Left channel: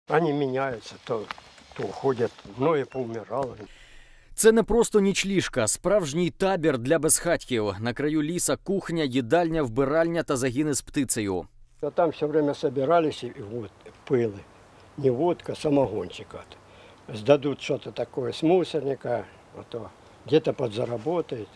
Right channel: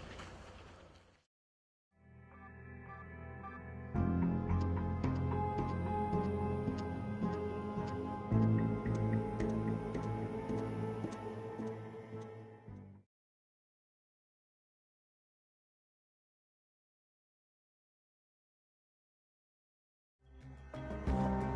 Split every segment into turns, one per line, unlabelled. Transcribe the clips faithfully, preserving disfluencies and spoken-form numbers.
Они меняются, то, то уходят, многие поумирали.
Це не просто нічліжка, справжній табір для безхатьків. На краю ліса кухня, їдальня, вбиральня та загіни з птицею.
А там все время собирались и вот пылы. Не водка, самогончик. от. Сдадут что-то такое с мусорника, а то где-то подзаработает.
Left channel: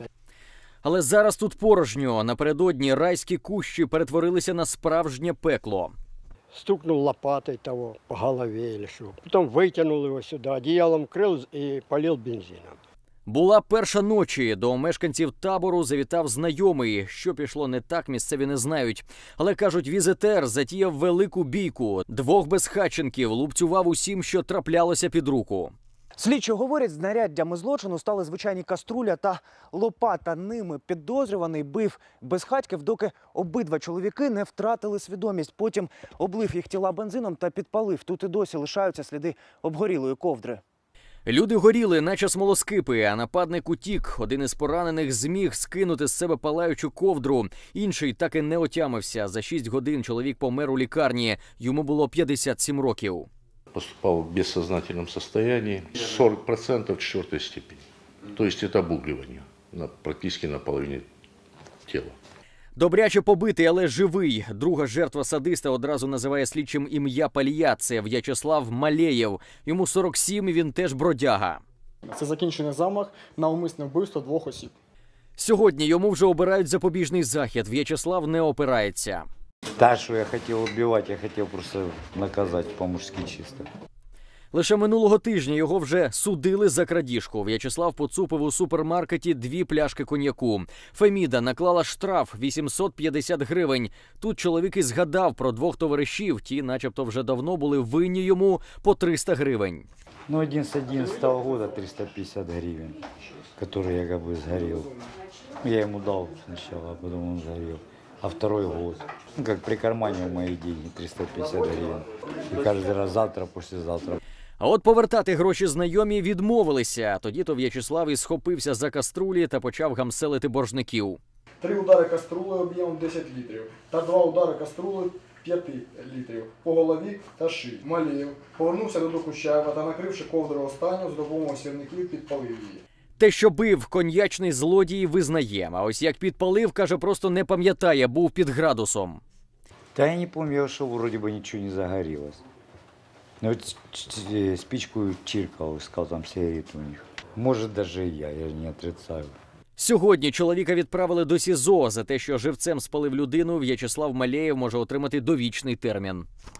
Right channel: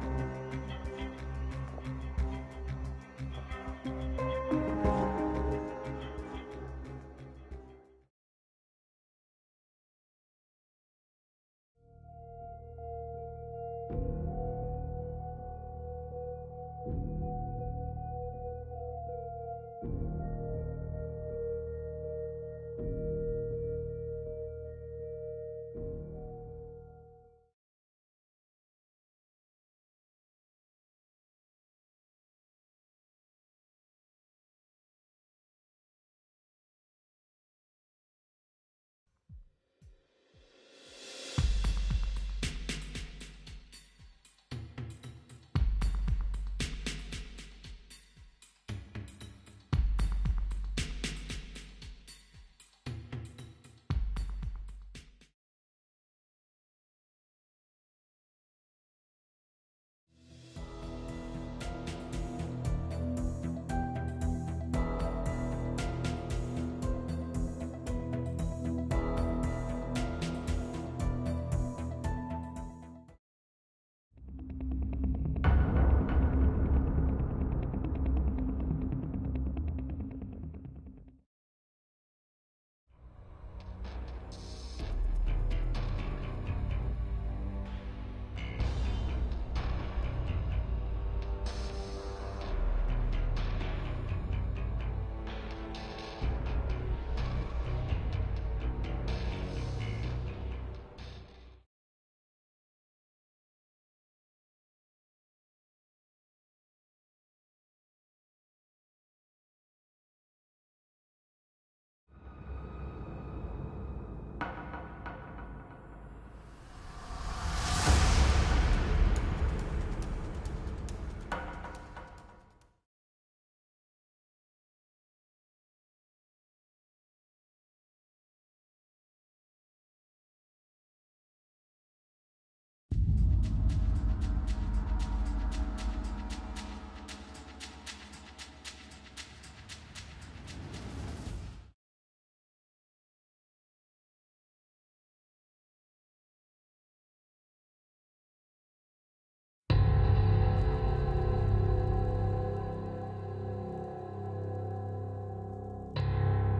Але зараз тут порожньо. Напередодні райські кущі перетворилися на справжнє пекло.
Стукнул лопатой того по голове или что. Потом вытянул его сюда, одеялом крыл и полил бензином.
Була перша ночі. До мешканців табору завітав знайомий. Що пішло не так, місцеві не знають. Але, кажуть, візитер затіяв велику бійку. Двох безхатченків лупцював усім, що траплялося під руку.
Слідчі говорять, знаряддями злочину стали звичайні каструля та лопата. Ними підозрюваний бив безхатьків, доки обидва чоловіки не втратили свідомість. Потім облив їх тіла бензином та підпалив. Тут і досі лишаються сліди обгорілої ковдри.
Люди горіли, наче смолоскипи, а нападник утік. Один із поранених зміг скинути з себе палаючу ковдру. Інший так і не отямився. За шість годин чоловік помер у лікарні. Йому було п'ятдесят сім років.
Поступал в бессознательном состоянии, сорок процентов четвертой степени. То есть это обугливание на, практически на половине тела.
Добряче побитий, але живий. Друга жертва садиста одразу називає слідчим ім'я Палія. Це В'ячеслав Малеєв. Йому сорок сім, і він теж бродяга.
Це закінчений замах на умисне вбивство двох осіб.
Сьогодні йому вже обирають запобіжний захід. В'ячеслав не опирається.
Та, що я хотів убивати, я хотів просто наказати по-мужськи чисто.
Лише минулого тижня його вже судили за крадіжку. В'ячеслав поцупив у супермаркеті дві пляшки коньяку. Феміда наклала штраф вісімсот п'ятдесят гривень. Тут чоловік і згадав про двох товаришів. Ті начебто вже давно були винні йому по триста гривень.
Ну, один з одиннадцатого года триста пятьдесят гривен, который я как бы сгорел. Я ему дал сначала, а потом он сгорел. А второй год. Ну, как прикарманил мои деньги, триста пятьдесят гривен. И каждый раз завтра, послезавтра.
А от повертати гроші знайомі відмовилися. Тоді-то В'ячеслав і схопився за каструлі та почав гамселити боржників.
Три удари каструли об'ємом десять літрів та два удари каструли п'ять літрів по голові та шиї. Малеєв повернувся до Докучаєва та, накривши ковдру останню, з допомогою сірників підпалив її.
Те, що бив, коньячний злодій визнає. А ось як підпалив, каже, просто не пам'ятає, був під градусом.
Да я не помню, что вроде бы ничего не загорелось. Ну, вот спичку чиркал, искал там сигареты у них. Может, даже и я, я не отрицаю.
Сьогодні чоловіка відправили до СІЗО. За те, що живцем спалив людину, В'ячеслав Малеєв може отримати довічний термін.